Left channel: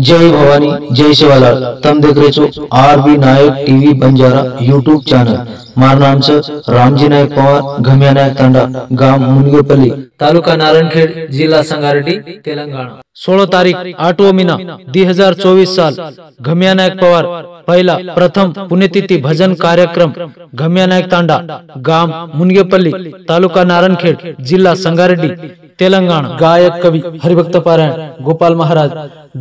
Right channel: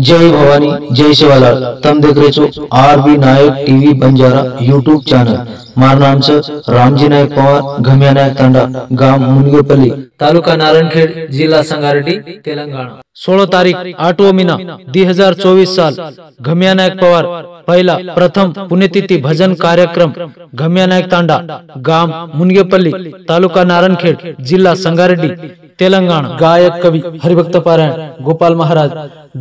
जय भवानी जय शिवालाल। तम देख रहे છો आरबी नायक टीवी बंजारा यूट्यूब चॅनल। माરું નામ છે રામજી નાયક પવાર, ઘમિયા નાયક તાંડા, ગામ મુનગેપલ્લી, तालुका नारायणखेड, जिल्हा संगारेड्डी, तेलंगणा। 16 तारीख 8 महिना 2024 साल। घमिया नायक पवार पहिला प्रथम पुण्यतिथी भजन कार्यक्रम घमिया नायक तांडा, गाम मुनगेपल्ली, तालुका नारायणखेड, जिल्हा संगारेड्डी, तेलंगणा। गायक कवी हरिभक्त पारायण गोपाल महाराज,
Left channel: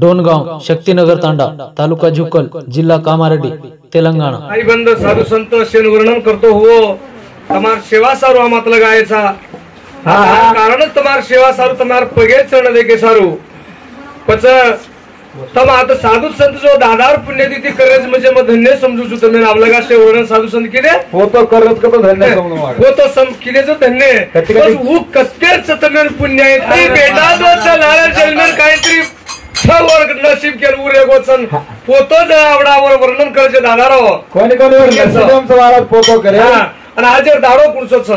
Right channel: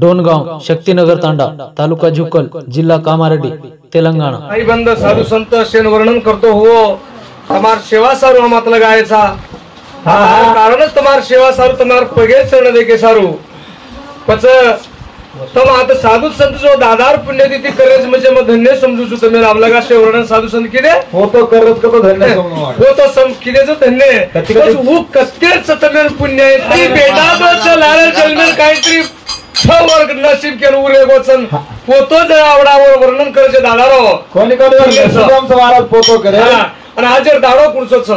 डोनगांव, शक्तिनगर तांडा, तालुका झुक्कल, जिल्हा कामारेड्डी, तेलंगणा। आई बंद साधु संत शेन वर्णन करतो हो तमार सेवा सारू आमातला गायचा कारणच तमार सेवा सारू तमार पगे चरण देके सारू पच तम आता साधु संत जो दादार पुण्यतिथि करज म्हणजे मग धन्य समजू छु तुम्ही रामलगा शे वर्णन साधु संत किने हो तो करत का धन्य समजू हो तो सम किने जो धन्य वो कत्तेच तमेर पुण्य आहे ती बेदादोच लाल जन्मर काहीतरी वर्ग नसीब के उरे गोचन फोटो जर आवडावर वर्णन करायचे दादारो कोणी सदम सवारात फोटो करे आणि आज दाडो कुणचो छ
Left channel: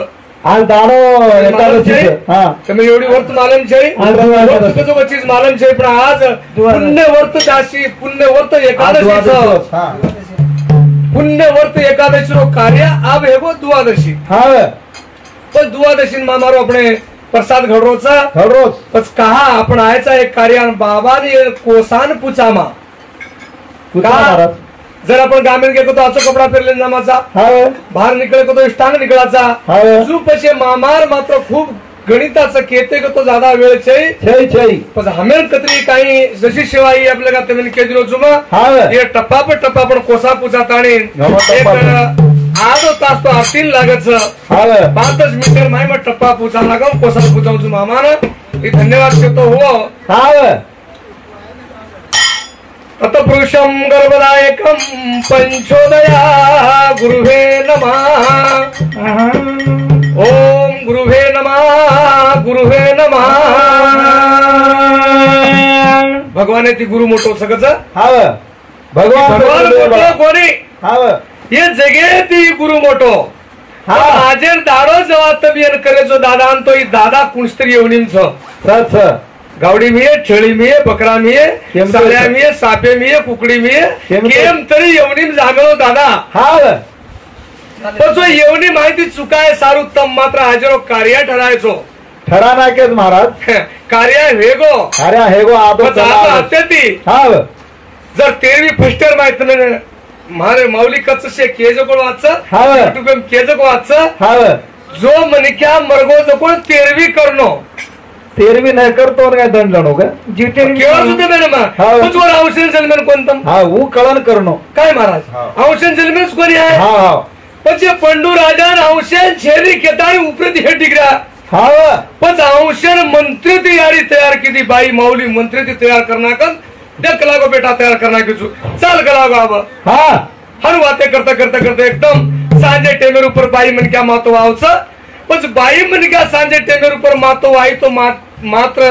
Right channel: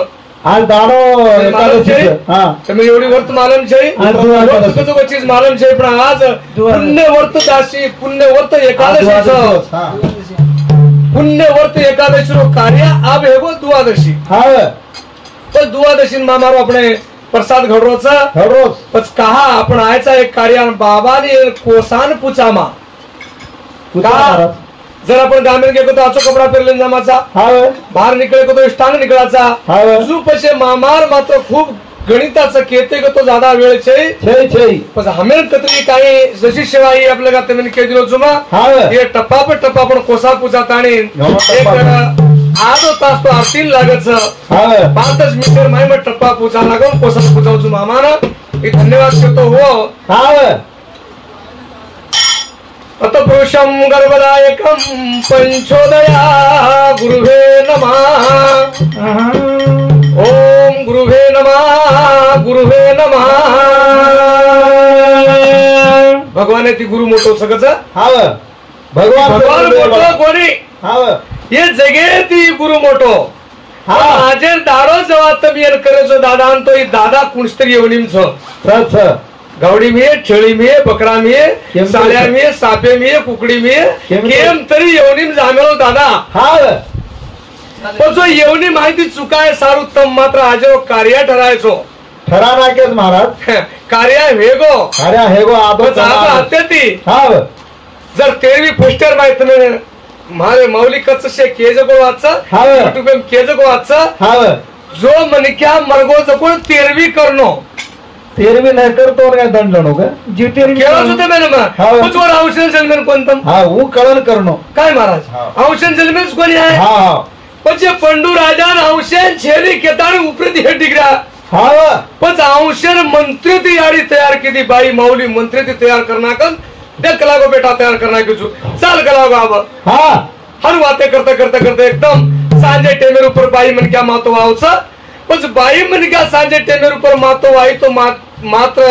आज दाडो एकादशी हां तुम्ही एवढी वर्त मालम छै वर्त चीज मालम छै पण आज पुण्य वर्त जाशी पुण्य वर्त एकादशी छ हां पुण्य वर्त एकादशी रो कार्य अब हेगो द्वादशी हां तो द्वादशी मामारो अपने प्रसाद घडरोचा घडरोच पच कहा आपण आयचा एक कार्य बाबानी कोसान पुचामा का जर आपण ग्रामीण गेलो तो आचो कपडा पेरले जमाचा बाहेर निकळे तो स्टान निकळाचा जो पछे मामार मात्र खूप गणिताचं केते को तो ज्यादा वेळ छै पण हमें कतरी काही जशी सेवा ही आपल्या का तेने के दिलो जुमा ये टप्पा पर टप्पा पण कोसा पुचा ताणी एक आधो तास तो आतील लागत 5 मीटर माय मग टप्पा पुचा लागून कोसा पुचावचो मामाना मी धन्यवाद करतो हो अत पुरुषम गर्भदायकम पंचोदया गुरुवे नमः ओम गुरुवे नमः गुरुवे नमः। भगवान ती गुरु मोठो सगळच भगवान मोठो कोणी ये जगे ती गुरु मोठो हाजेर दाडो जेव्हा तबियन करेचो दादा आणतो ही दादा कुणस्तरी येवनीम छ गावडी मिये छेळी मिये बकरा मिये साल्या मिये सापे मिये कुकडी मिये केम तरी येवनीम जामेलो दादा तो जो येवनी माहिती चुकाय सारू तम मात्र हाजेरो कार्य ठरायचो ठरा नाकेच महाराज कार्य हेगो आदो ती जर तेरवी फस्टर माहिती मारे मौली कच्च से केज को वाचा यूट्यूब में केज को वाचा जो मनिक्या मरगो जको तेरवी करनो तेरवी नाही करतो काय दंडणो का जीवन केळच होते मैंने कुछ और औषध जन्मेन कोणतम वो कळण करणो काय महाराज औषध जन्मेन कोणी आहे पछे पंडू राजा औषध छेरी केतारी उपरती हे डिग्रा पण औषध मंत्री ती याडी तयार की बाई मौली मंत्री ती तयार करना का देख लागो बेटा तयार करना की चल गलागो अब हर बातें करता करता करता एकदम सांजे टेमेर ऊपर बाई मन क्या मातो आवचा बस बाई मन क्या सांजे टेमेर ऊपर मातो आई तो मात्र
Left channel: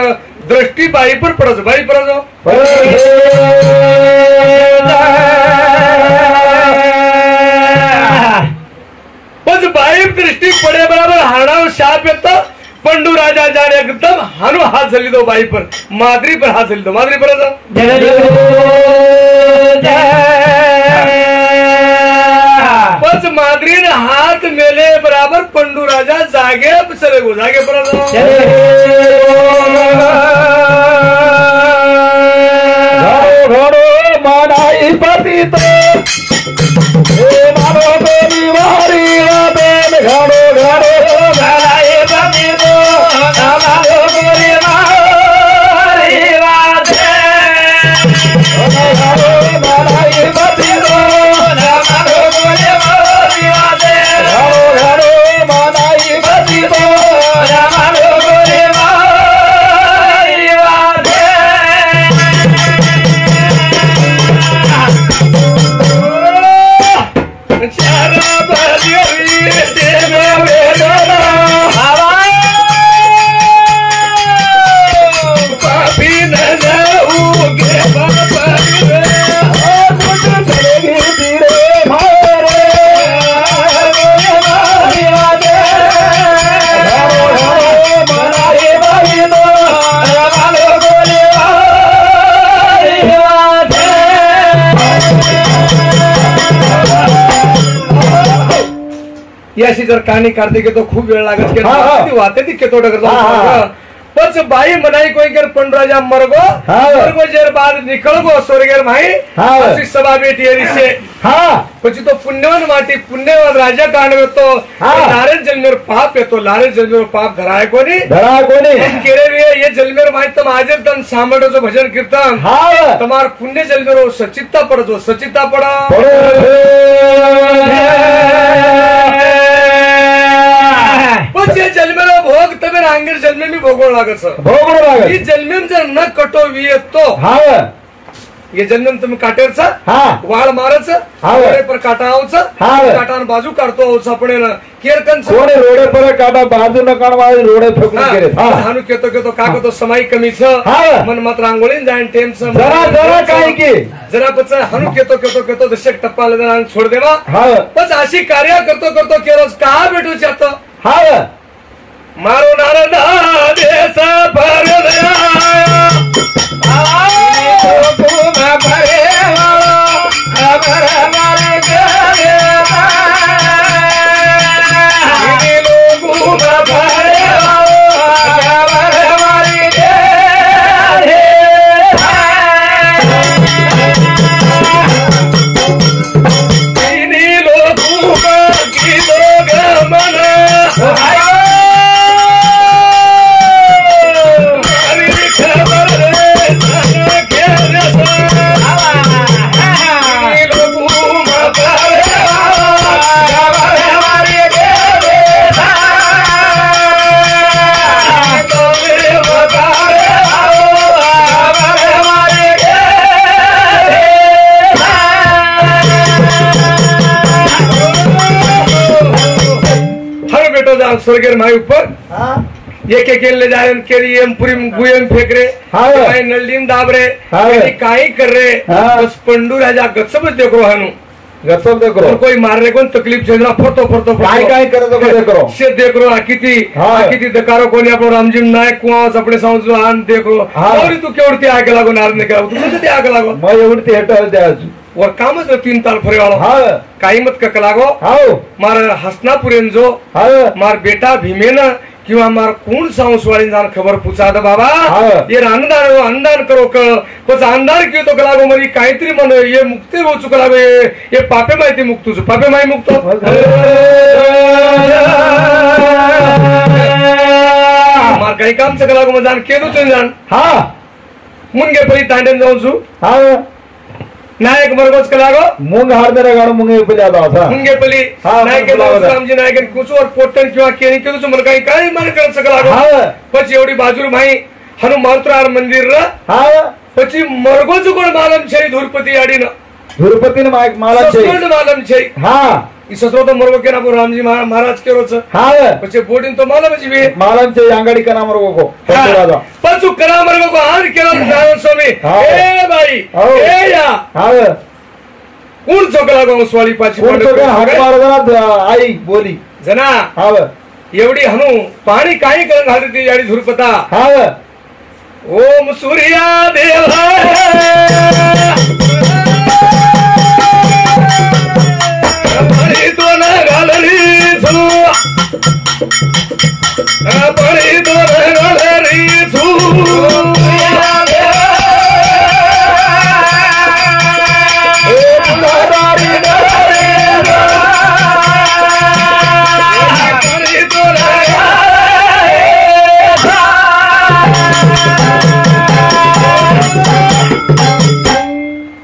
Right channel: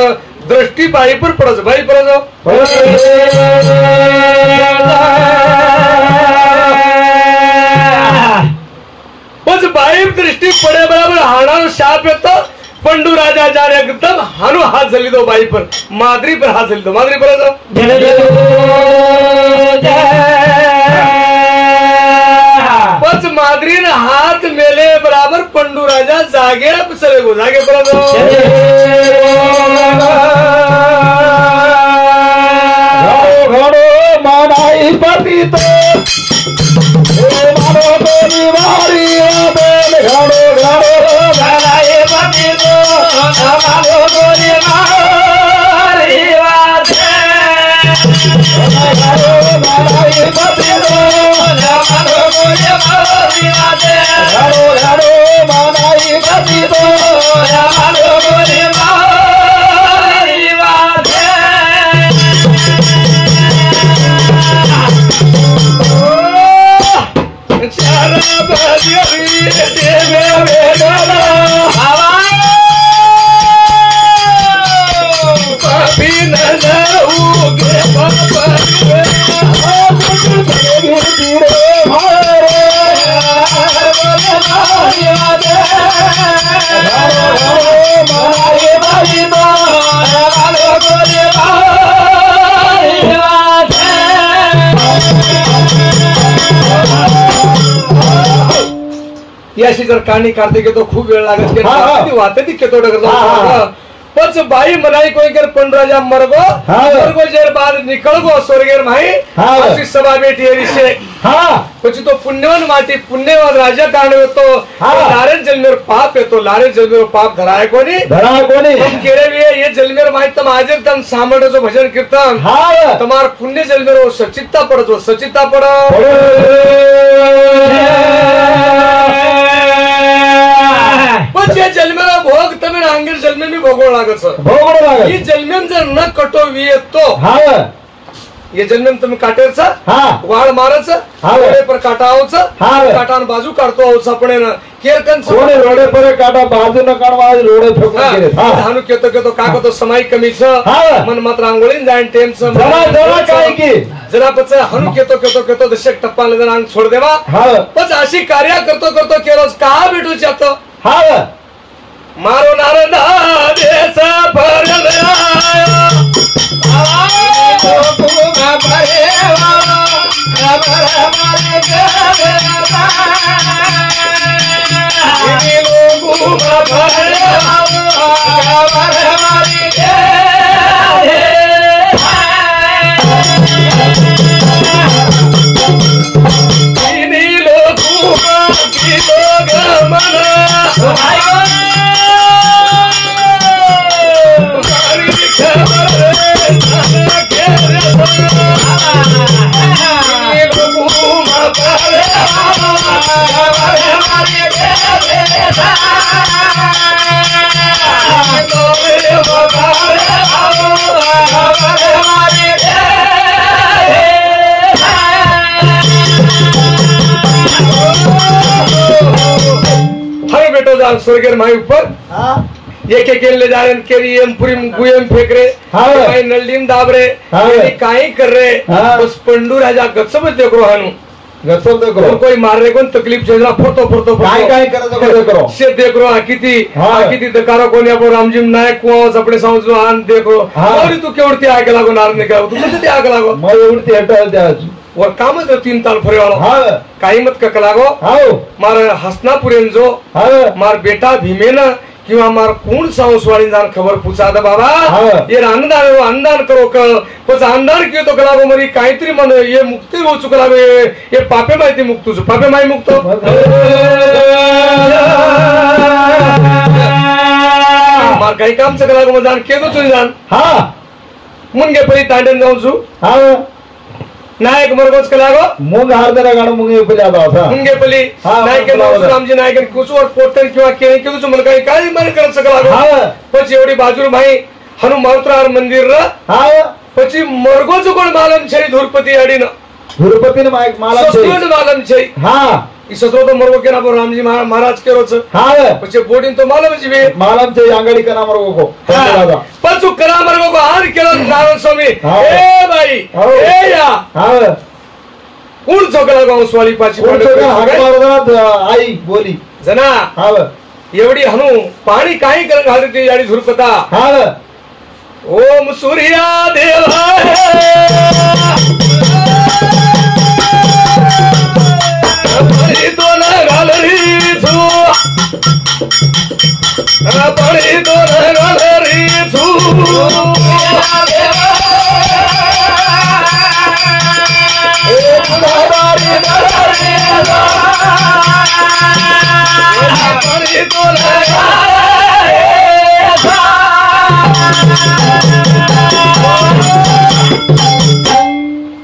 दृष्टि बाई पर पड़स बाई पर जाओ बस बाई दृष्टि पड़े बराबर हाड़ा शाप येतो पंडू राजा जाने एकदम हानो हाथ चली दो बाई पर मादरी पर हाथ चली दो मादरी पर जाओ बस मादरी ने हाथ मेले बराबर पंडू राजा जागे चले गो जागे पर घोड़ो मानाई पति तो याशी जर कहाणी काढते की तो खूप वेळ लागत की हा, हा. ती वाहते ती केतो डगर हा, हा. पच बाई मनाई कोई कर पण राजा मरगो हा. मरगो जेर बाद निकल गो स्वर्गेर माई हा. अशी सभा बेटी हरिशे हा પછી તો પુણ્યવાન માટી પુણ્યવાન રાજા કારણે તો હા. લારે જન્મેર પાપ એ તો લારે જન્મેર પાપ ધરાય કોની धरा कोणी તમ કેરે વે ये जन्मेर माहित तम આજે તમ સાંભળો છો ભજન કીર્તન हा તમાર પુણ્ય જન્મેરો સચિતતા પડજો સચિતતા પડ પછી એ જન્મેરો ભોગ તમે આંગર જન્મે ની ભોગવ લાગે છે भोगडं ಈ लागत જન્મેમ जर न कटोवी तो हा ये जन्मेम तुम्ही काटेरचा हा वाळ मारायचं हा. डोळे पर काटावचं हा. काटान बाजू काढतो आपण केरकन कोणी रोडे पर काटा बाजू न काढवा रोडे फेकून गेले हा हानु केतो केतो का तो समय कमी छ हा. मन मात्र आंघोळीन जाईन टेम छ जरा जरा काय की जरा पच हानु केतो केतो केतो दशक टप्पाला जरा अंग सोड देवा हा पच अशी कार्य करतो करतो केलोस का भेटू जातो हा मारो नारदा देसा फरगया स्वर्गेर माई ऊपर हा एक एक ले जाए केरी एम पूरी गुयम फेंक रे हाँ। काही नल्लीन दाब रे हाँ। काही कर रे हाँ। बस पंडू राजा गपसबच देख रो हानु गचल ते और करो कोई मारने को तकलीफ चलना फोटो फोटो काय काय करत ते करो से देख रो आकिती हाँ। आकिती दकारो कोणी आपण रामजी नायक कुवास अपने समजलो आन देख रो हाँ। और तू केवढती आग लागो नार निकाल तू कुठे आग लागो मग एवढी हेटल द्यायची और कामच रे 3 ताल फरे वालो हा काही मत कक लागो हाव मार हसनापुरेन जो हा मार बेटा भीमेन किंवा मार कोण सांसवाळी जाण खबर पुछा द बाबा हाँ। ये अन्नदान अन्नदान करो क पच अन्नदान कियो तो कलागो मरी काहीतरी मन ये मुक्ती हो चुका लागो ये पापे माहिती मुक्त तुझ पापे माही मुक्त मार काही काम च कलागो मग जाण केदो चुन जाण हा मुनगे परी तांडन जाऊन छु हा नायक मरगोच कलागो मुंग हार जरा गाणं मुंग येऊ जाता होता मुंगे पली हाँ, नायक बरोबर. रामजी नायक कुछ और पोटन किंवा केरी किंवा मन काही काही मारे कर सकलागो हा પછી એવડી બાજુ ભાઈ હનુ મારુતરાર મંદિર ર हा પછી મરગો જુગોળ માલમ છે ધુરપતિ અડીન गुरुपतीने माला સસરોડ માલમ છે हा ઈ સસરો તો મરગો કેના પર રામજી મહારાજ કેરો છે हा પછી બોડીન તો માલમ જ વે मालांचे अंगडी करा मरगो પાછું કરા મરગો કો હાર કેરો નારો સ્વામી હા. એ ભાઈ હા. એ યા हा કોણ છોકરા ગાઉ સ્વાળી પાછી आई बोली जना हा एवढी हनु पाणी काही करत घालती ती याडी धुरपता हा ओम सूर्या देव तो ना घालरी छू पडी तो ना घालरी छू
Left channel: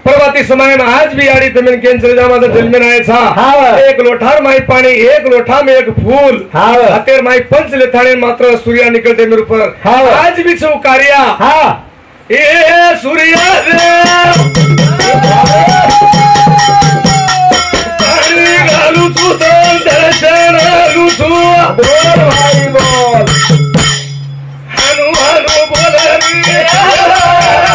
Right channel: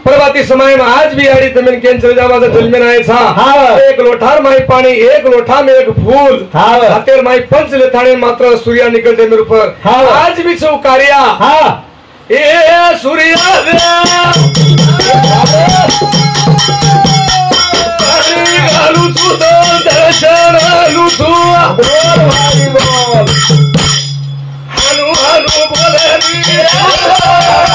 प्रभाती समय में आज भी आड़ी तमिल केंद्र जामा जन्मे आए था हाँ। एक लोठार माई पानी एक लोठा में एक फूल हाँ। हतेर माई पंच लेथाने मात्र सूर्या निकलते मेरे ऊपर हाँ। आज भी छो कार्या हा ए सूर्या घालू तू दर्शन घालू तू हनु हनु बोलनी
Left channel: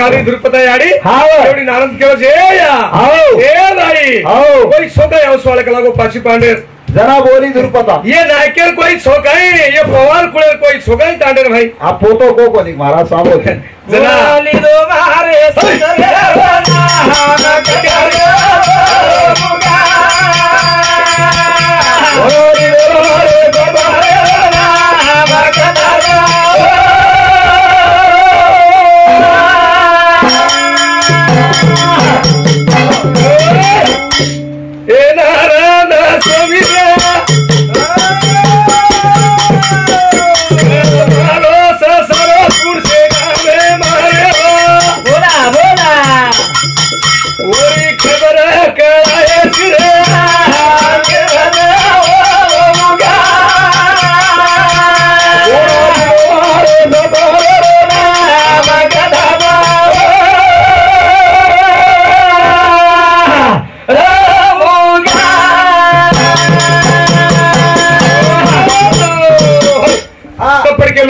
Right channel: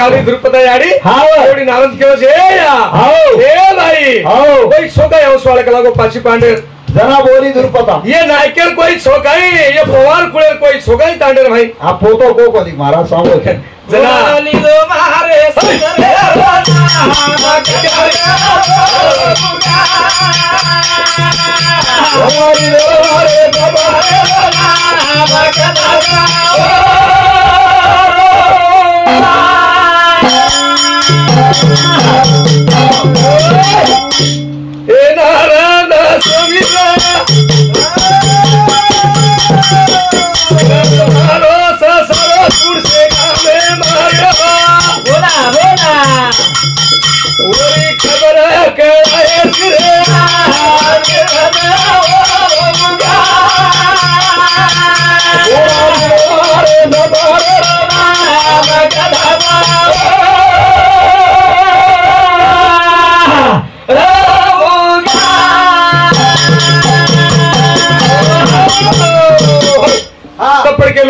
घाली द्रुपदा याडी हाँ। एवढी नारद केव जे या हाँ। ए भाई हाँ। कोई छोका हंस वाले का लागो पाची पांडे जना बोली द्रुपदा ये नायकेल कोई छोकाई ये पवार कुळे कोई छोकाई तांडेर भाई आ फोटो को कोणी महाराज सांगो जना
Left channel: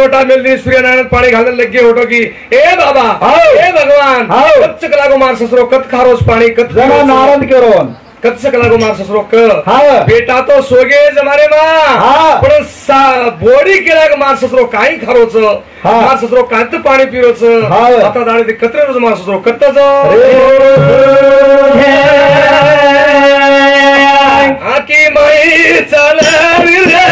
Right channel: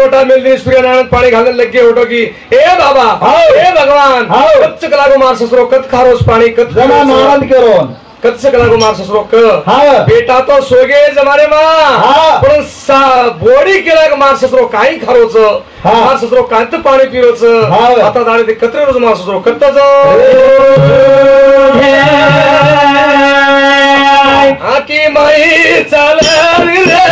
लोटा मिल सूर्यनारायण पानी घालने लग गए होटो की ए बाबा ए भगवान कच्च कला को मार ससुरो कत खारोस पानी कत जना नारद के रोन कच्च कला को मार ससुरो क बेटा तो सोगे जमारे मां पण बोडी केला को मार ससुरो काही खारोच मार ससुरो कांत पाणी पिरोच आता दाडे ते कत्रे रोज मार ससुरो कत्ताच आकी माई चाल रे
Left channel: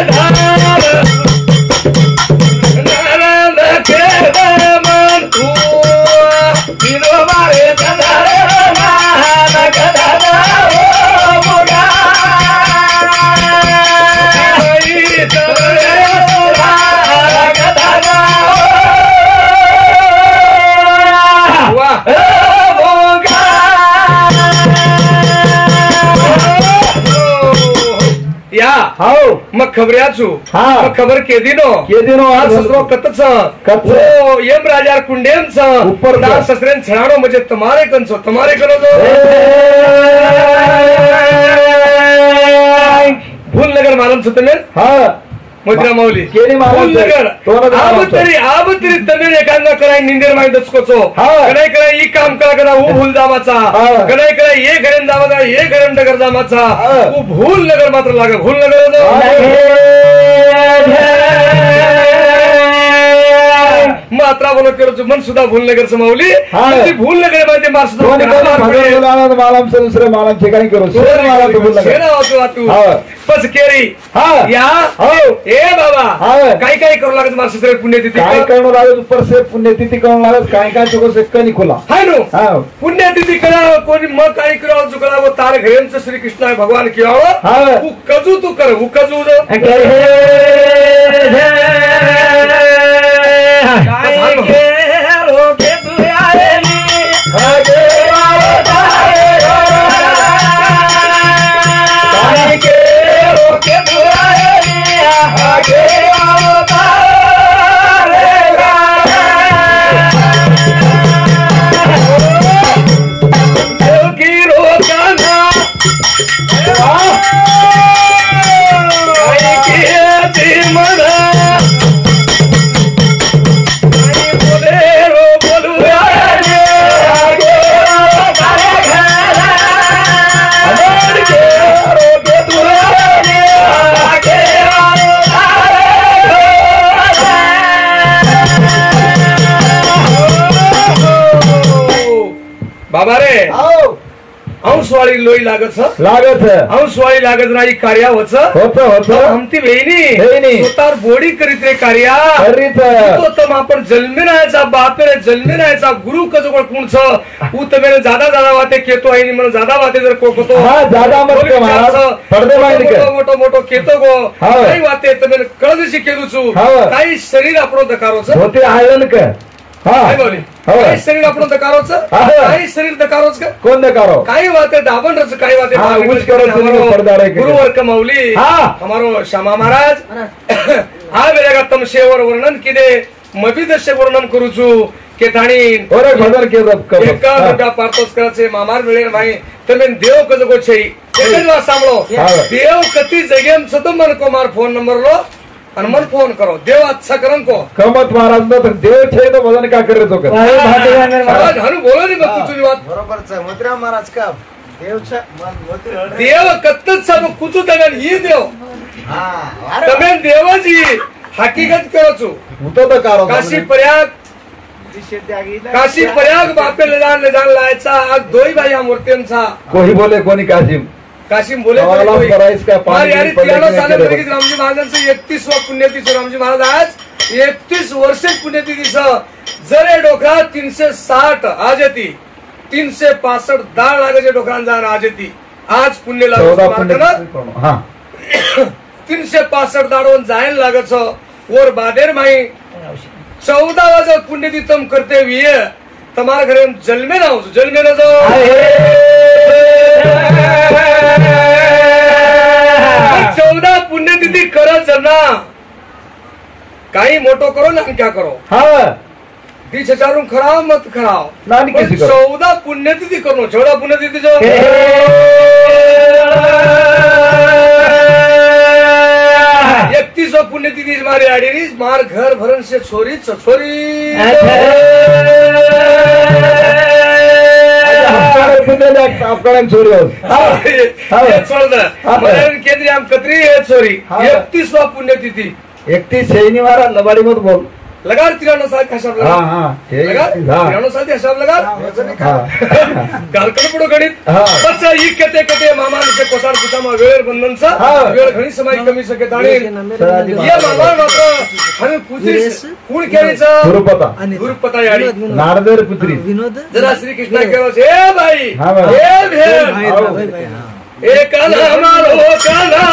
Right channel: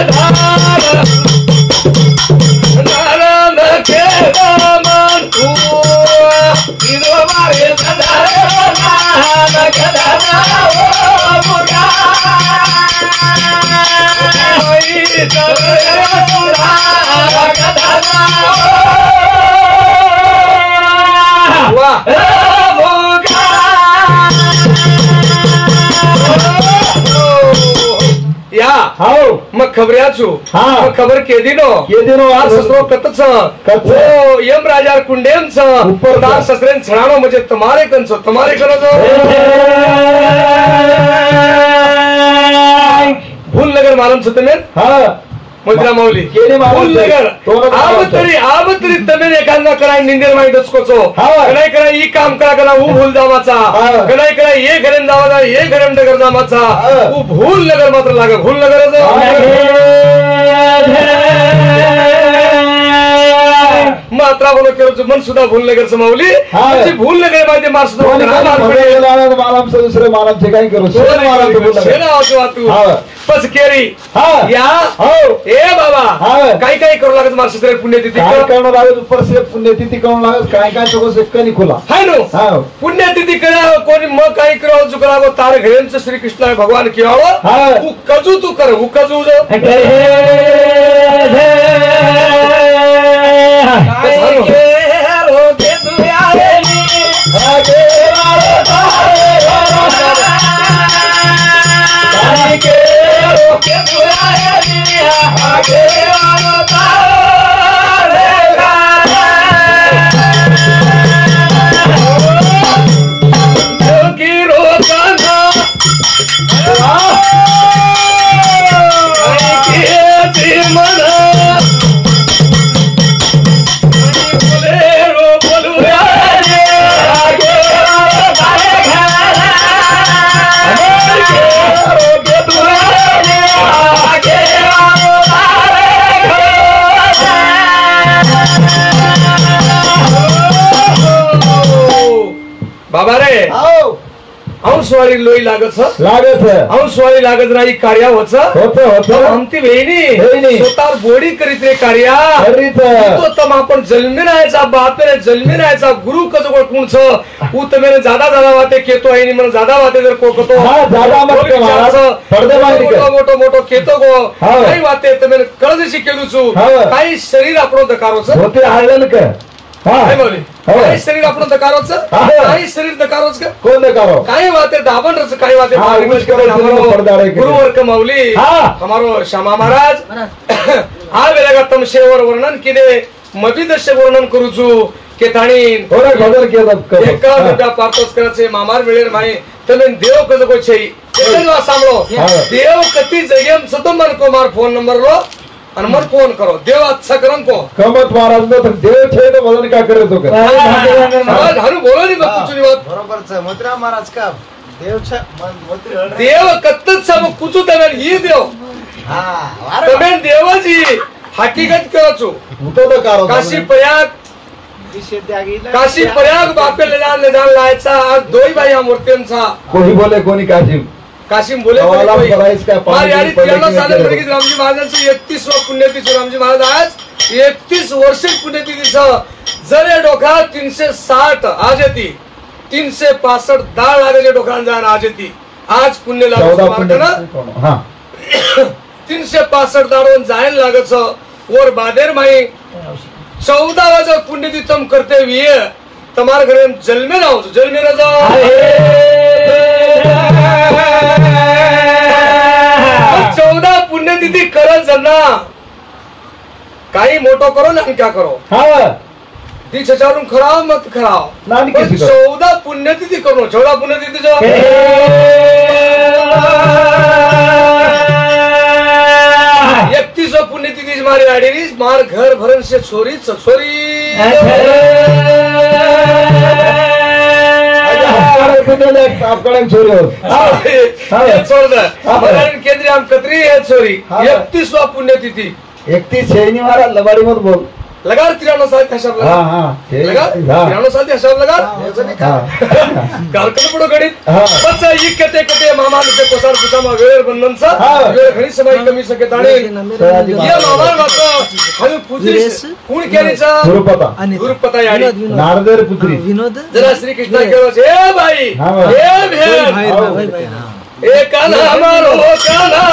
मग खबऱ्याचू मग खबर केदिनो आज ससरो कतच ओ यम राजा कुंडेंच ऊपर दा ससरेन छळाणो म्हणजे तुम्हारे करतो भूल नगर मालूम छ तमें मोजरा मौली भूल नगर आब तरी तमें एकांगा कराय निंदेर माई दचकोचो कनाय कराय ई काम करा कना ऊ भूल जावाचा कनाय कराय ये घरेन जावाचा ये घरेन डगर जावाचा ऊ भूल नगर मात्र लागे भूल नगर मात्रा बोलो करो मन सुद्धा भूल नगर समावली भूल नगर मध्ये मार मालम से दुसरे मालम से काही करू सोर मालम तो बोल नगर पस केरी या ए बाबा काही करू लागत मार ससरे पुण्यतिथी काय करणं लागत ऊपर से पुण्यतिथी करणं लागत काय तो से कनी खोला हाय नो पुण्यतिथी करा कोणी मग काही करो जुकला गो तार घेंच श्री कृष्ण भगवान कियावो उ कजू तू कर उ कजू बाबा रे अंशवाळी लोई लागत अंशवाळी लागत राही कार्या होत आमती वेणी स्वतः बोडी करीत रे कार्या तो तम आपण जन्मे राहायचा बापे जन्मे राहायचा गुरु कजो कोण छ ऊ तमेने ज्यादा वाते केतो आहे मन ज्यादा वाते जर कोकतो ज्यादा मत पडदे बांध मोठो केतो गो काही वाते तमेने कळजशी केलुचू काही शरीर आपण दकारोच होते आयलन का काही शरीर आपण दकारोच काही शरीर दकारोच का कोण दकारो काही वाते दाबन रच काही वाते गुरुवर कमावली हमारो श्यामा महाराज हा वेळेगा तमशेवर वर्णन किदे मबिदशे वर्णन करूचू के थाणी ओरे खबर के एकावन्न रुपया पार्तोस कराचे मामार वेळेर माई તમે દેવ કદ કો છે એક જ વાત સાંભળો દેવ કતી જગ્યામ સતો મન કો માર ફોન નંબર લો आणि मन फोन करो देव अच्छा करन को कमत महाराज नो तर देव छे तो भजन का करे तो कर महाराज हारू बोलो नहीं मत कुछ बात बरोबर છે મોતરા મહારાજ કા દેવ છે મોતરી देव कत्तच सब कुछ तमेन ही देव હા तमेन देवाजी हकीकत करो छु હું તો કારો काशी प्रयाग વિશે ત્યાગી काशी प्रयाग बापे ले जान लायचा आज दोई भाई हम मूर्त्यांचा कोणी बोले कोणी काशी काशीम बोले गावाला कोणी बराईच काय मार पाणी यारी पडलं 93 की साले नाही भरगी रामजी महाराजांचं 31वा पुण्यतिथी रामजी महाराज आज 31 वर्ष पुण्यतिथीचं जरे डोका 360 आज येती 365 दाळ लागायचे डोकान जाण आज येती आज पुण्य 14 लागत ना पुण्य हा 365 दाडोन जायला लागत वर बादेर माई 14 वाजता पुण्यतिथम करते विये तुम्हारे घरे जलमे ना जाओ 14 पुण्यतिथी करत जाना काही मोठो करो ना क्या करो हा ती छचारून खराव मत खराव नानी पण किसी करो 14 पुण्यतिथी करो 14 पुण्यतिथी जो 31 पुण्यतिथी मारी आडीरीस मार घर भरण से छोरी आपकडे चोरी केंद्रीय आम कत्री है छोरी 31 पुण्यतिथी 31 शैनी महाराज लबाडी मत बोल लगा 93 साल का हिसाब लगा हाँ हाँ लगा 93 साल का हिसाब लगा गालकन पडो गणित बच्चा ही कते कते मामा के कोसार पुसामा वेळ बंधनचा वेळ घणी समय कमी सके ताणे ये मामा मात्र हमें पुत्री कोण केलीचा गुरुपता याडी नारदेर पुत्री विनोद जरा श्री कृष्ण केलो ए भाई ए भेल ए कान्हा मारो कान्हा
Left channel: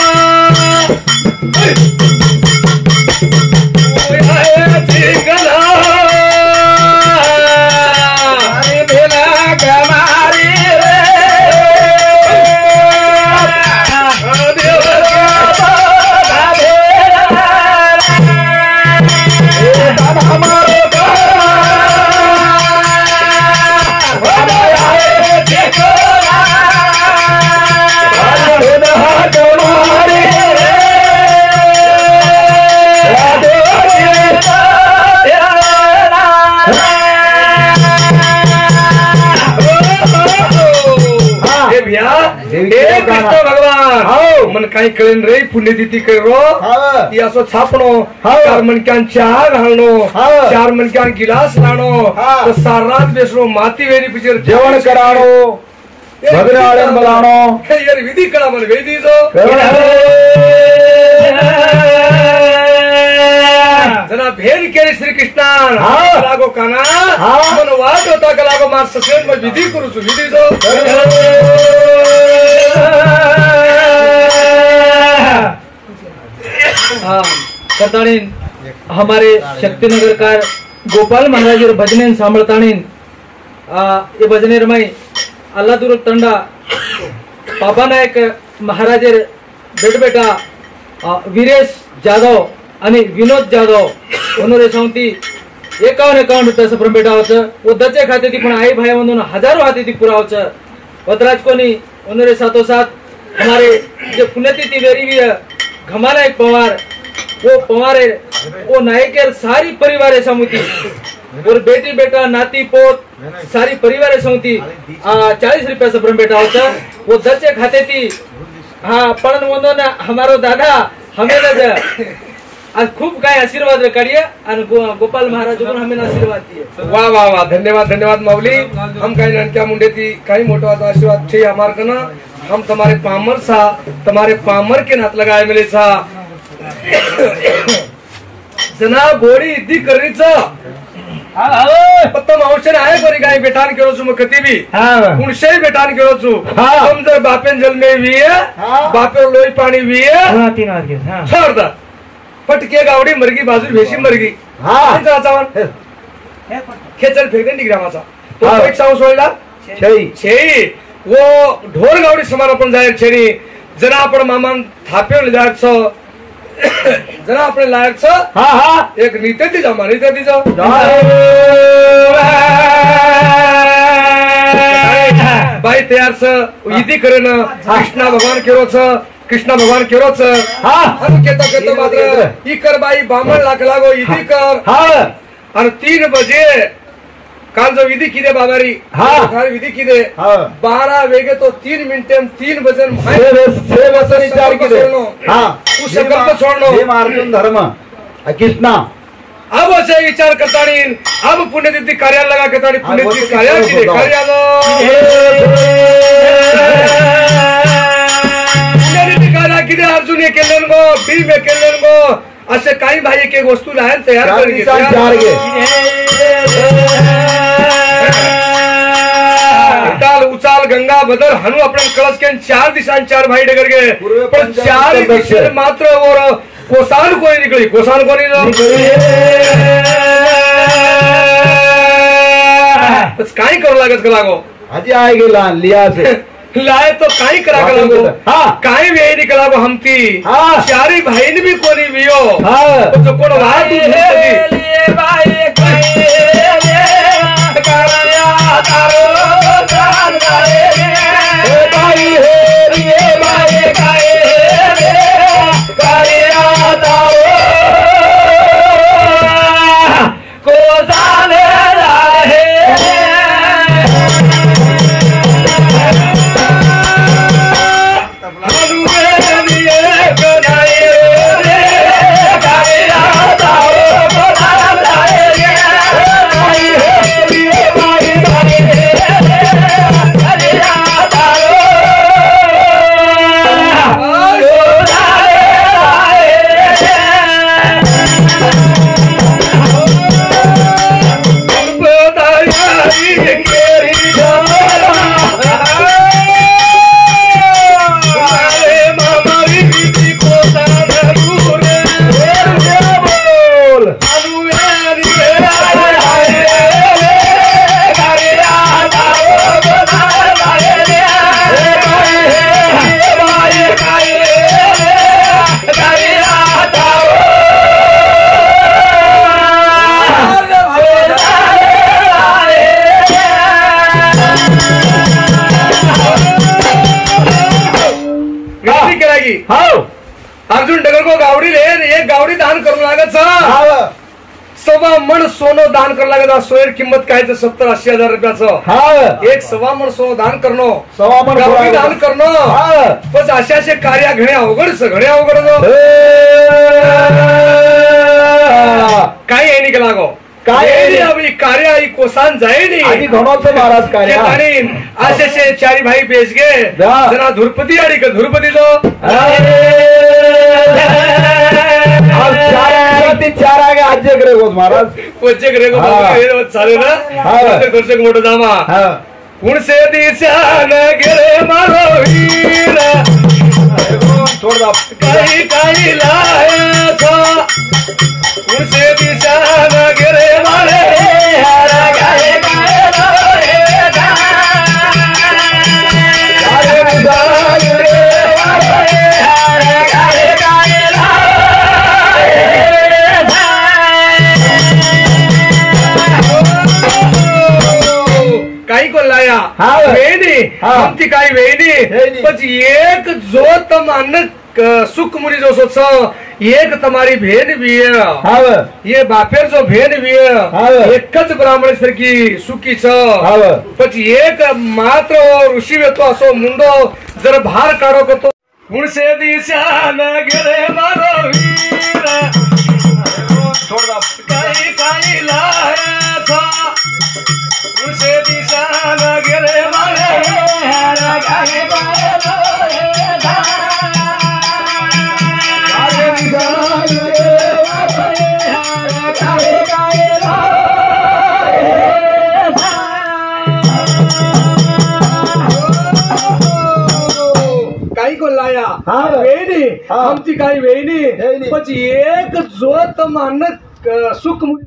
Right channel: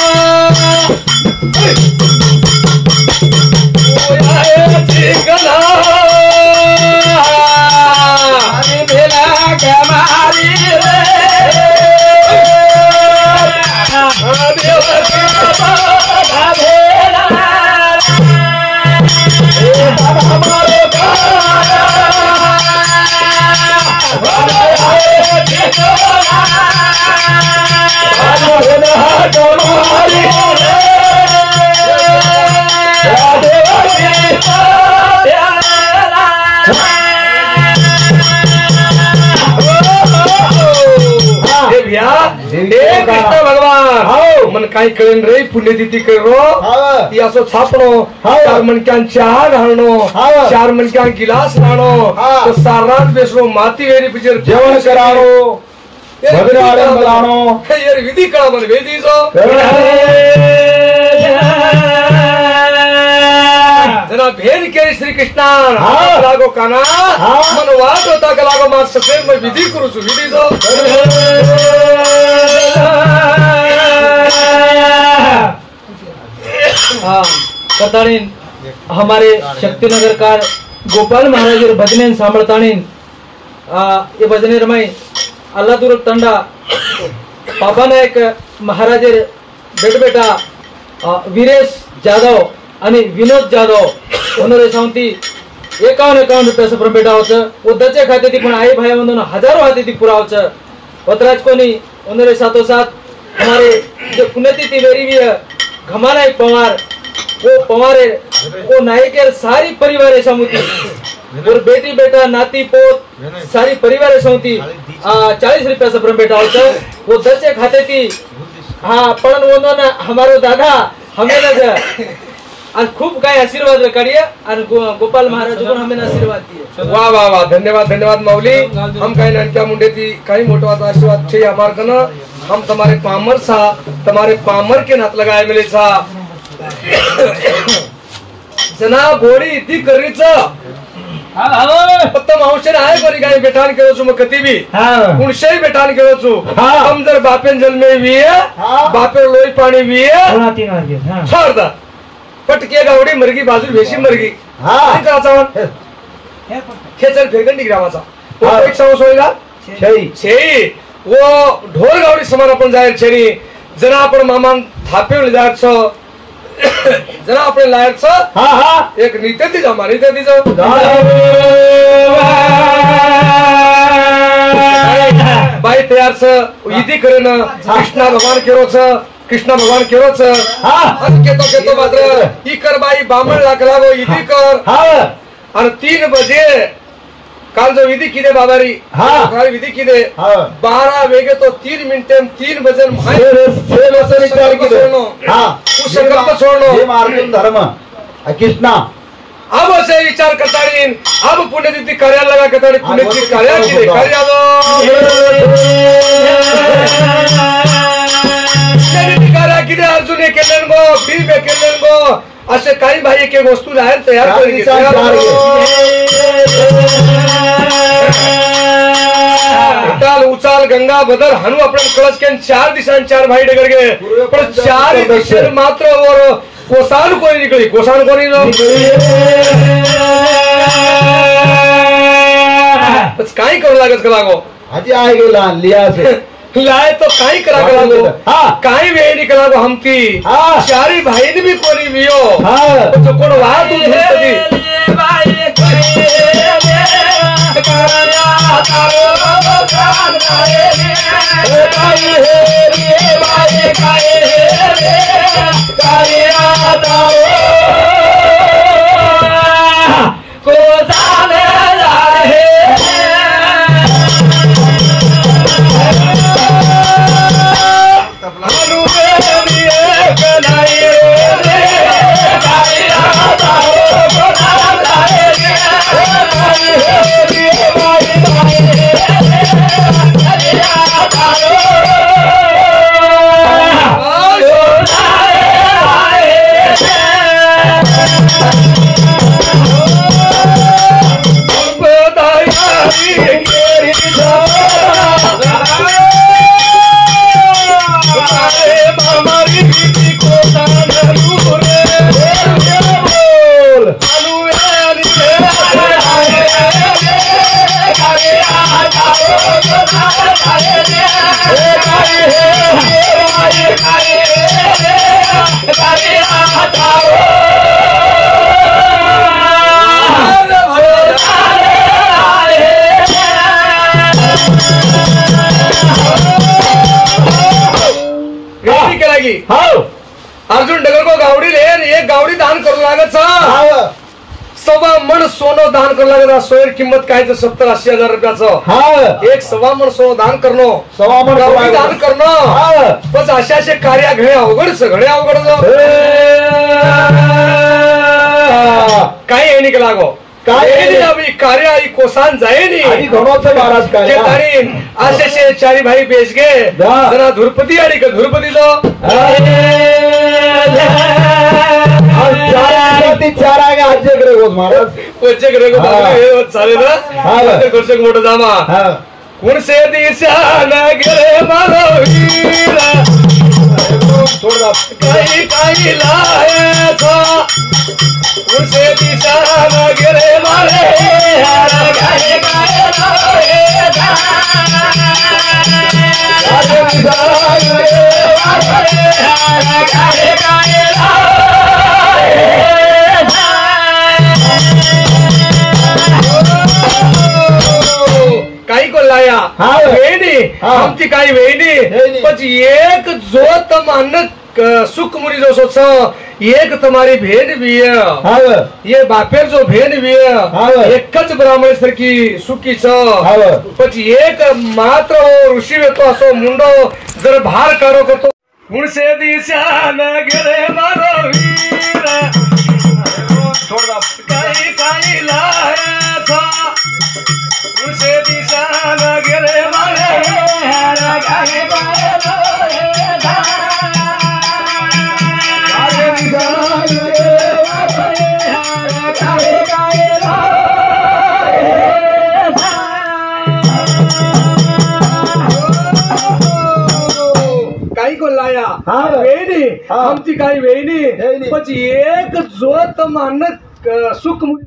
कृष्ण भगवान मन काही कळेन रे पुण्यतिथी करो ती असं छापणो 4 मणक्यां चहा घालणो 4 मणक्यां गिलास लाणो सारात बेसणो माती वेरी पिचर जेवण कराणो भजन आडन बोलाणो यार विधी कळा मन वेदी जो जना भेद केली श्री कृष्णान लागो काना मन वाट होता का लागो मार ससेन में विधी करू छु विधी जो कताड़ीन हमारे शक्तिनगर कार गोपाल महाराज भजने सांभळताणीन ये भजनेर में अल्लाह दुर्ग तंडा बाबा नायक महाराज बेटा वीरेश जाधव आणि विनोद जाधव उन्होंने सांगती 51 रुपये सप्रम बेटा वो दचे खाते थी पण आई भाई उन्होंने हजारों हाथे थी पुरावच वतराज कोनी उन्होंने साथों साथ हमारे जो पुण्यतिथि वेरी भी घमाना एक पवार वो पवारे वो नायकेर सारी परिवार समिति और बेटी बेटा नाती पोत सारी परिवार समिति 40 रुपये सप्रम बेटा होता वो दचे खाते थी हाँ पण उन्होंने हमारो दादा हमें आज खूब काय आशीर्वाद काढिए और गोपाल महाराज को हमें आशीर्वाद दिए वाह वाह वाह धन्यवाद मौली हम काही ननक्या मुंडे थी काही मोटो आशीर्वाद छे हमार कना हम तुम्हारे पामर सा तुम्हारे पामर के नात लगाए मिले सा जना घोड़ी इतनी करीचा पत्ता मावशेन आहे गोरी गाय बेटान केलो छु मकती भी कुणशे बेटान केलो छु हम जर बापेन जन्मे विये बापे लोई पाणी विये छोड़ दा पटके गावडी मरगी बाजू भेशी मरगी का चावन खेचर फेगन डिग्रामाचा तो एक सांग सोयला छेई वो ढोर गावडी समान आपण जायर छेरी जना आपण मामान थापेल जायत छो जना आपण लायक छो एक नीते दी जमा नीते दी जा बाई तयार छ इदी करेन कृष्णा भगवान केरो छ कृष्ण भगवान केरोच आणि केतो मात्र इकर बाई बामण लागो इदी कर आणि 3 बजे काल जो विधी किदे बाबारी काल विधी किदे 12 वेगे तो 3 मिनिटे 3 बजे विचार किदे तू सकल तो छोड़नो हे मार्गून धर्म कृष्णा अब असे विचार करतानी अब पुण्यतिथी कार्याला लगा करतानी पुण्यतिथी कार्या किदे कार्याला पुण्यतिथी कार्या किदे अर्जुन हे केलेन गो भीम हे केलेन गो असे काही भाई एक एक वस्तू लायन तयार उताल उचाल गंगा बदल हनु आपण कळस के 4 दिशान 4 भाई डगर गए पण 4 दिशेन मात्र और कोसान कोई निकली कोसान कोनी तस काही करू लागत लागो आजी आए गेला लिया से लाए तो काही करा काही वेळ निकला गो हमती 4 भाईन भी कोनी वियो तो कोण वा तू कधी अर्जुन डगर को गावडी ले एक गावडी दान करू लागत सवा मन सोनं दान करू लागत सोयर किंमत काय 70-80 हजार रुपयाचं एक सवा मन सोनं दान करणं सवा मन गावडी दान करणं बस असे कार्य घडे अवघड काही आहे निघ लागो काय अभी कार्य आई कोसान जाए नहीं महाराज कार्य असे 4 भाई बेच गए जरा धुरपती आड़ी का धुरपती लो 4 आगे आज्य करे गो महाराज कोचे करे गो चाले ना दर्शक मोठं जामा कोण से दिशा न गेले मारो वीरा काही काही लायचा कोण से दिशा न गेले मारे काही को लाया वेणी आमची काही वेणी પછી એક જો તમને સુખ મુરી જો સોચો એક તમારી ભેન भी है ये बापेर जो भेन भी है एक ज ब्राह्मण सरकी सुखी छ પછી એક માત્ર ऋषी वेतो असो मुंडो जर भार काढो तो गुण से दिशा न गेले मारो वीरा काही काही लायचा गुण से दिशा न गेले मारे काही को लाया वेणी आमची काही वेणी પછી એક જોત માનક સુખ मुली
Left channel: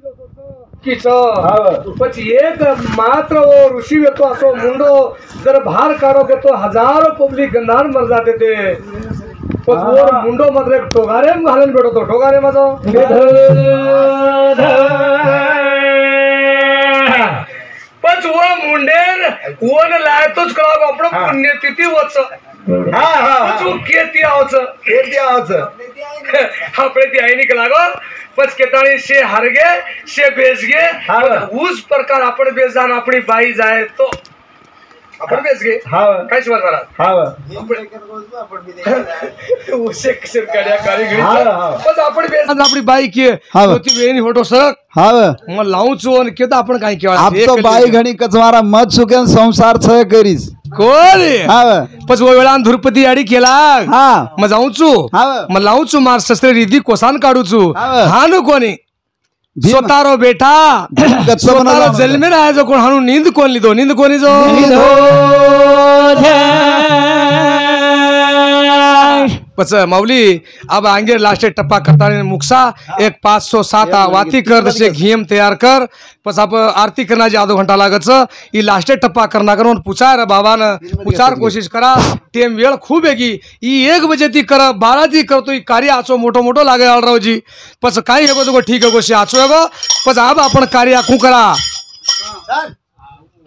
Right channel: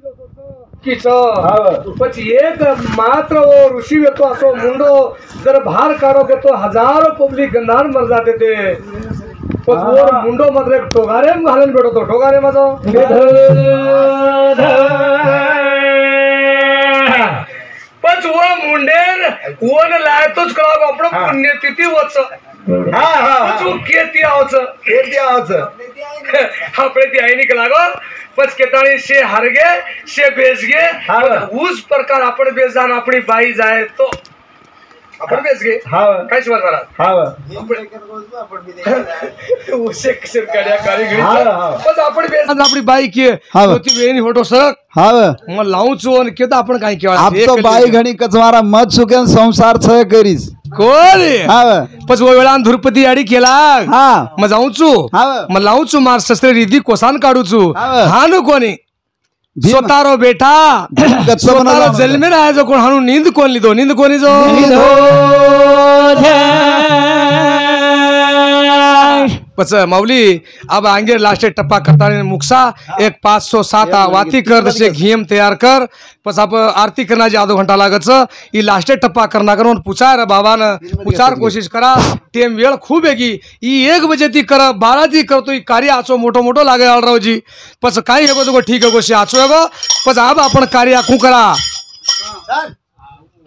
પછી એક मात्र ऋषी वेतो असो मुंडो जर भार काढो के तो हजारों पब्लिक गंधार मर जाते थे पण वर मुंडो मात्र ठोगारे घालून भेटतो ठोगारे माझा पण वर मुंडेर वन लायतोच कळाव आपण पुण्यतिथी वच हा हा तू केती आवच केती आवाज આપણે ती आई निकला गो पच केताणी शे हरगे शे बेसगे हा. उस प्रकार आपण बेस जाण आपली बाई जाय तो आपण बेसगे हा काय शिवाय झाला हा उसे किसर काड्या काळी घडी हा, हा. पच आपण बेस आपली बाई की हा. ती वेणी फोटो सरक हाव मग लावूचो आणि केता आपण काय केवा आप तो बाई घणी कचवारा मत सुकेन संसार छय करीस कोण हाव पच वो वेळा धुरपती आडी केला हा मग जाऊचू हाव मग लावचू मार ससरे रिधी कोसान काढूचू हा. हानु कोणी भीम. स्वतारो बेटा स्वतारो जन्मे राहायचो कोण हाणू नींद कोण लिदो नींद कोणी जो पच माऊली अब आंगे लास्ट टप्पा करता मुक्सा एक 507 वाती कर जसे घियम तैयार कर पस आप आरती करना आधो घंटा लागत ई लास्ट टप्पा करना करून पुचार बाबान पुचार कोशिश करा टेम वेळ खूप आहे ई 1 बजे ती कर 12 ती करतो ई कार्य आचो मोठो मोठो लागे आळरावजी पस काही हेगो तो ठीक है गोशी आचो हेगो पस अब आपण कार्य आखू करा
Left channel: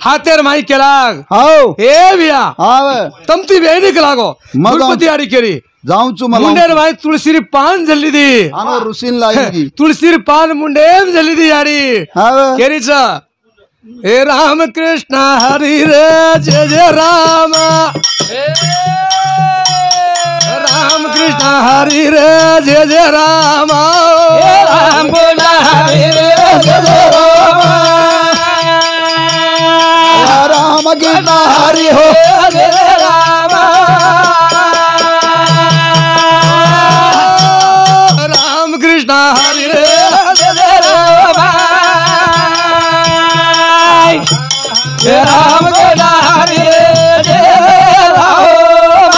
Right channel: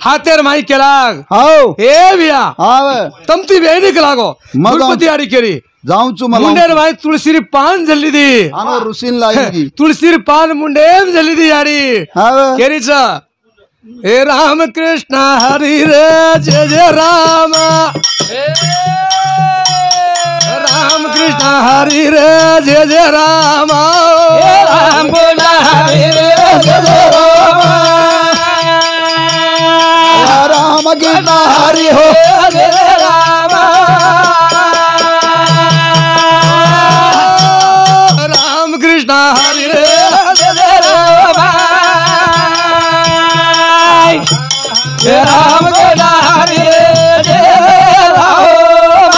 हातेर माई केला हाव हे बिया हाव तमती वेणी लागो मग गुरपती आडी केरी जाऊचू मला मुंडेर भाई तुळशीरी पान झल्ली दी आनो रुसीन लागी तुळशीरी पान मुंडेम झल्ली दी याडी हाव केरीच हे राम कृष्ण हरी रे जय जय राम राम कृष्ण हरी रे जय जय राम राम कृष्ण हरी रे जय जय राम राम गीता हरि हो जय राम राम कृष्ण हरि रे जय राम जय राम कृष्ण हरि रे जय राम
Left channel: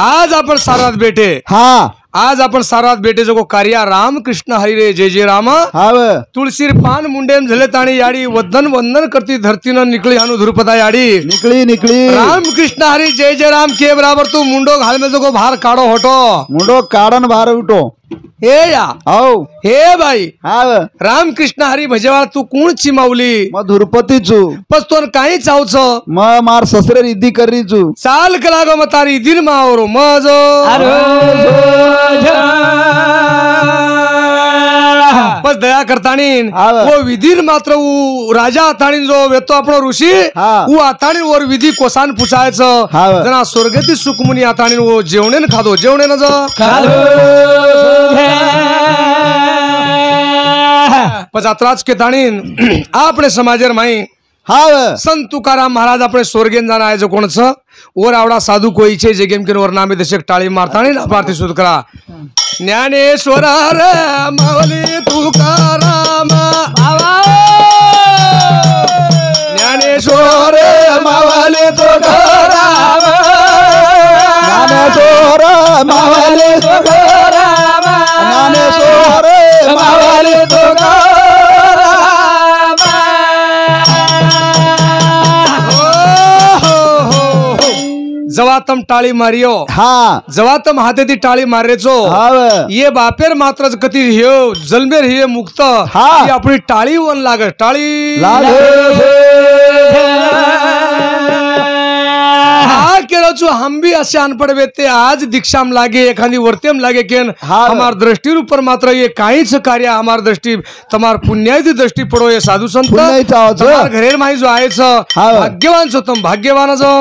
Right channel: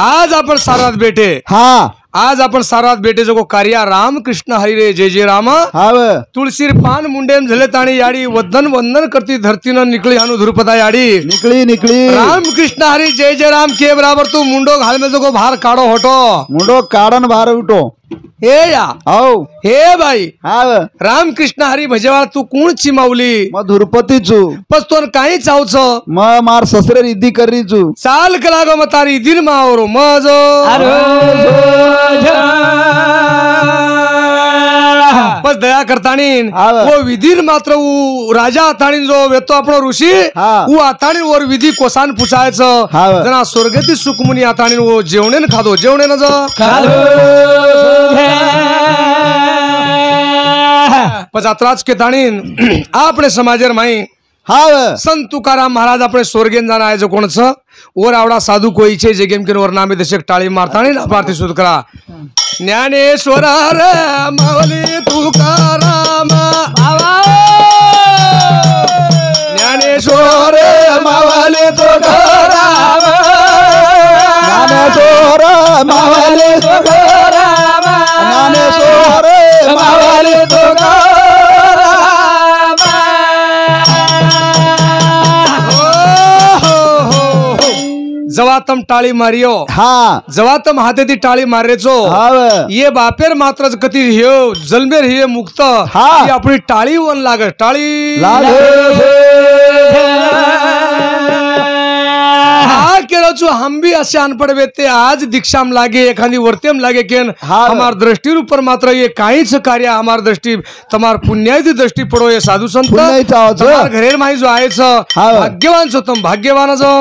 आज आपण सारात बेटे हा आज आपण सारात बेटे जो कार्य राम कृष्ण हरी रे जय जय राम हाव तुळशीर पान मुंडेम झले ताणी याडी वंदन वंदन करती धरतीनं निकळी हानु धुरपदा याडी निकली निकली राम कृष्ण हरी जय जय राम के बराबर तू मुंडो घाल में जो भार काढो होटो मुंडो काढन बाहेर उठो हे या हाव हे बाई हाव राम कृष्ण हरी भजेवाळ तू कोण चिमावली मग धुरपतीचू पस तो काही चावच मग मार ससरे रिद्धी करीचू चाल कलागो म तारी दिन मावरो मजो बस दया करतानी हाव. वो विधीर मात्र उ राजा आताणी जो वेतो आपणो ऋषी हा. उ आताणी वर विधी कोसान पुछायचं हाव. जना स्वर्गती सुखमुनी आताणी वो जेवणेन खादो जेवणेन जो पच आत्राच के ताणीन आपणे समाजेर माई हाव संत तुकाराम महाराज अपने स्वर्गेन जाना आहे जो कोणच और आवडा साधू कोईचे जे गेम के वर नामे दशक टाळी मारतानी ना पार्थी सुध करा ज्ञानेश्वर रे मावली तुकाराम ज्ञानेश्वर मावली तुकाराम ज्ञानेश्वर मावली तुकाराम ज्ञानेश्वर मावली तुकाराम जवा तम टाळी मारियो हा जवा तम हाते ती टाळी मारेचो हाव ये बापेर मात्र कती ह्यो जलमेर हे मुक्त हा. ही आपली टाळी वन लाग टाळी लाग हा केलो छु हम भी असे अनपढ़ व्यक्ति आज दीक्षाम लागे एखादी वर्तेम लागे केन हाँ। हमार दृष्टि ऊपर मात्र ये काहीच कार्य हमार दृष्टि तमार पुण्याची दृष्टि पडो ये साधु संत पुण्याईचं आहोत. तमार घरेर माही जो आहेच हाँ। भाग्यवान छो तुम भाग्यवान जो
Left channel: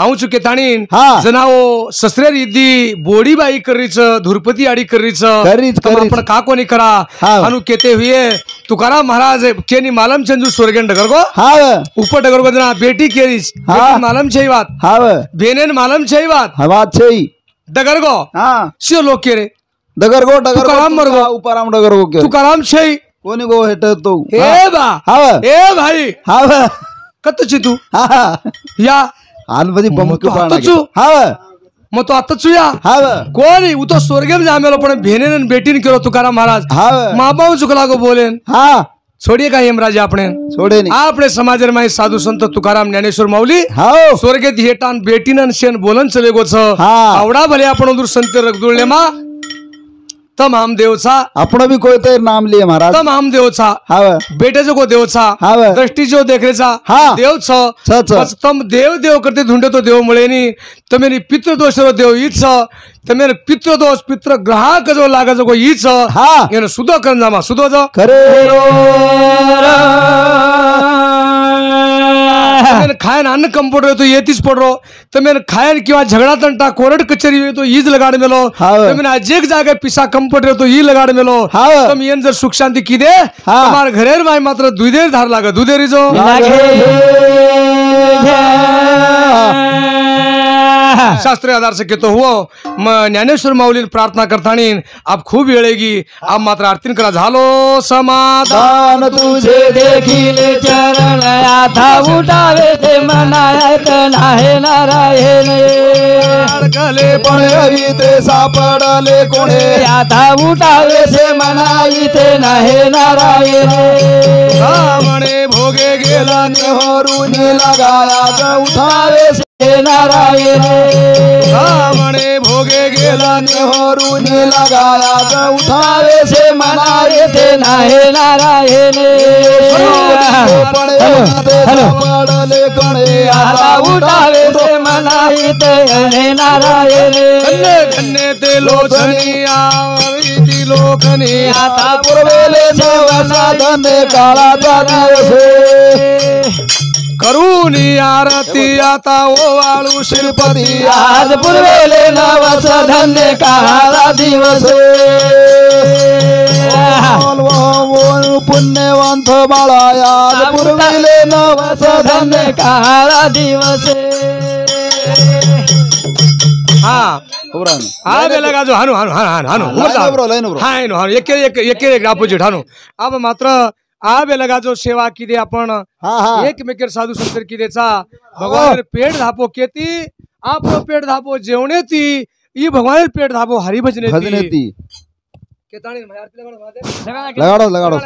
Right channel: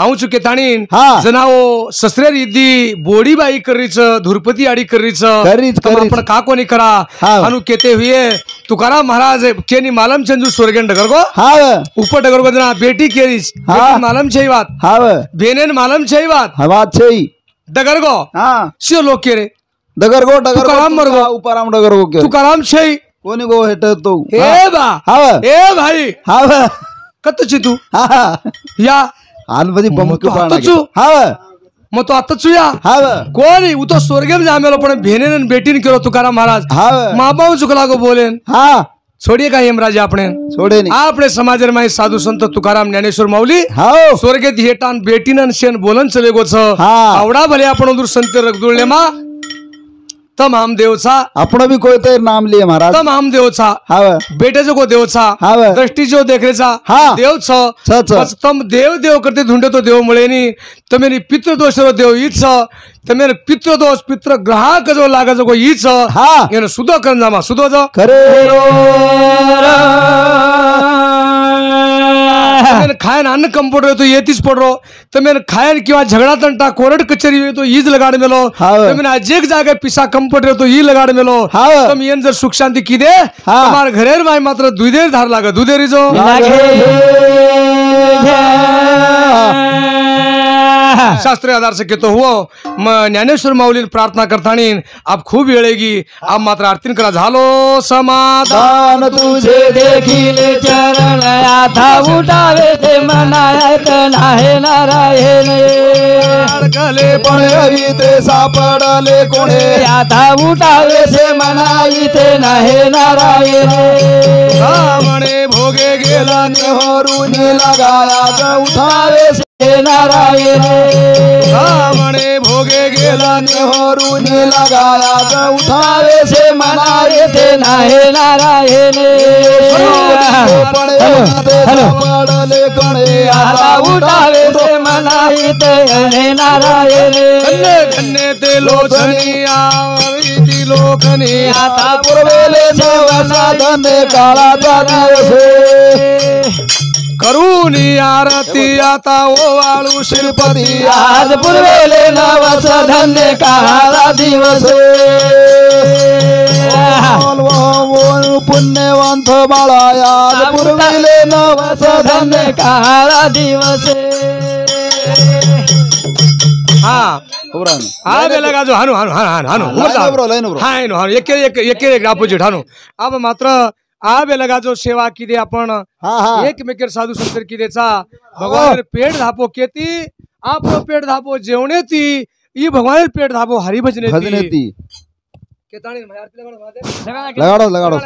आऊ चुके ताणीन हाँ। जनाओ ससरे रिद्धी बोडी बाई करीच धुरपती आडी करीच करीच, तम करीच. आपण का कोणी करा हाँ। अनु केते हुए तुकाराम महाराज केनी मालम चंदू स्वर्गेन डगर गो हाव ऊपर डगर को जना बेटी केरीस हाँ। बेटी मालम छई बात हाव बेनेन मालम छई बात हवा छई डगर गो हा सियो लोक केरे डगरगो तुकाराम मरगो. उपाराम डगरगो के तुकाराम छई कोणी गो हेट तो ए बा हाव ए भाई हाव कत ची तू हा या आलमधी बम मग के तू पाना आताचू? हाव मग तो आता चुया हाव कोणी उ तो स्वर्गेम जामेलो पण भेनेन बेटीन केलो तुकाराम महाराज हाव माबाऊ चुकला गो बोलेन हा छोड़िए का यमराज आपने सोडे नी आपने समाजर में साधु संत तुकाराम ज्ञानेश्वर माऊली हाव स्वर्गेत हेटान बेटीनन शेन बोलन चले गो छ हा. आवडा भले आपण दूर संत रगदुळले मा तमाम देवचा आपण भी कोई तेर नाम लिए महाराज तमाम देवचा हाव बेटे को देवचा हाव दृष्टी जो देखरेचा हा. देव छ छ. बस तम देव देव करते ढूंढे तो देव मुळे नी तमेरी पितृदोष रो देव ईच तमेर पितृदोष पितृ ग्राहक जो लागा जो ईच हा. येन सुदो करन जामा सुदो जो खरे तमेन खायन अन्न कंपोटर तो येतीच पडरो तमेन खायन किंवा झगड़ा तंटा कोरड कचेरी तो ईज लगाड मेलो हाव. तमेन अजेक जागे पिसा कंपोटर तो ई लगाड मेलो हाव. तम येन जर सुख शांती किदे हा. तमार घरेर माय मात्र दुधेर धार लागा दुधेरी जो शास्त्रीय आधार से कहतो हुओ ज्ञानेश्वर माऊली प्रार्थना करतानी आप खूब वेळेगी आप मात्र आरतीन करा झालो समाधान दान तुझे देखिले चरण आता उठावे ते मनायत नाही नारायण गले पण हवी ते सापडले कोणे आता उठावे ते मनायत नाही नारायण म्हणे भोगे गेला नेहरू लगाया उठावे से नारायण म्हणे भोगे गेला नेहरू लगाया उठावे से मनाये ते नाही नारायण पण हवी ते सापडले कोणे आता उठावे ते मनायत नाही नारायण धन्य धन्य ते लोचनी आवडी लोकनी आता पूर्वेले साधने काळाचा दिवस करूनी आरती आता ओवाळू श्रीपती आज पूर्वेले नवस धन्य काळा दिवस पुण्यवंत बाळा पूर्वेले नवस धन्य काळा दिवस हा हा बेलगा जो हानु हानु हानु हानु हाय नो हानु एक अपोजिट हानु अब मात्र आ बेलगा जो सेवा किदे आपण एकमेकर साधू संतर किदेचा भगवान पेट धापो केती आपलो पेट धापो जेवणे ती ई भगवान पेट धापो हरि भजने ती केताणी लगाड़ो लगाड़ो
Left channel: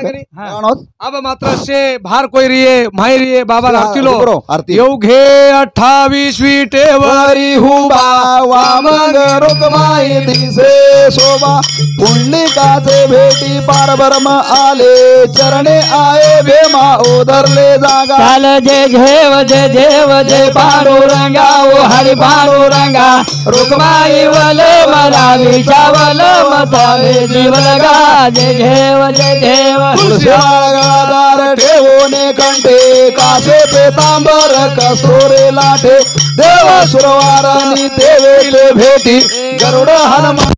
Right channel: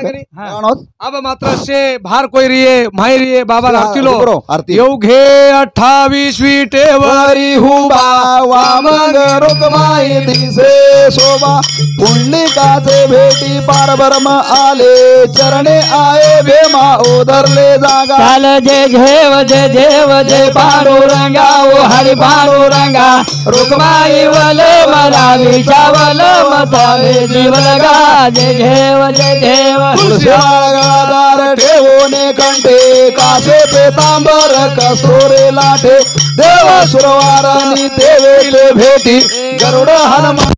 अब मात्र से भार कोई रिये माई रिये बाबा आरती लो आरती येऊ घे 28वी टेवरी हुबा वामंग रुकमाई दिसे शोभा पुंडलिकाचे भेटी पार ब्रह्म आले चरणे आये भेमा ओधरले जागा चाल जय घेव जय देव जय पांडुरंगा ओ हरि पांडुरंगा रुक्माई वले मला विचावल मतावे जीव लगा जय घेव जय देव तुळशीदार ठेवणे कंठे कासे पेतांबर कसोरे लाठे देव सुरवारानी देवेले भेटी गरुड हनुमान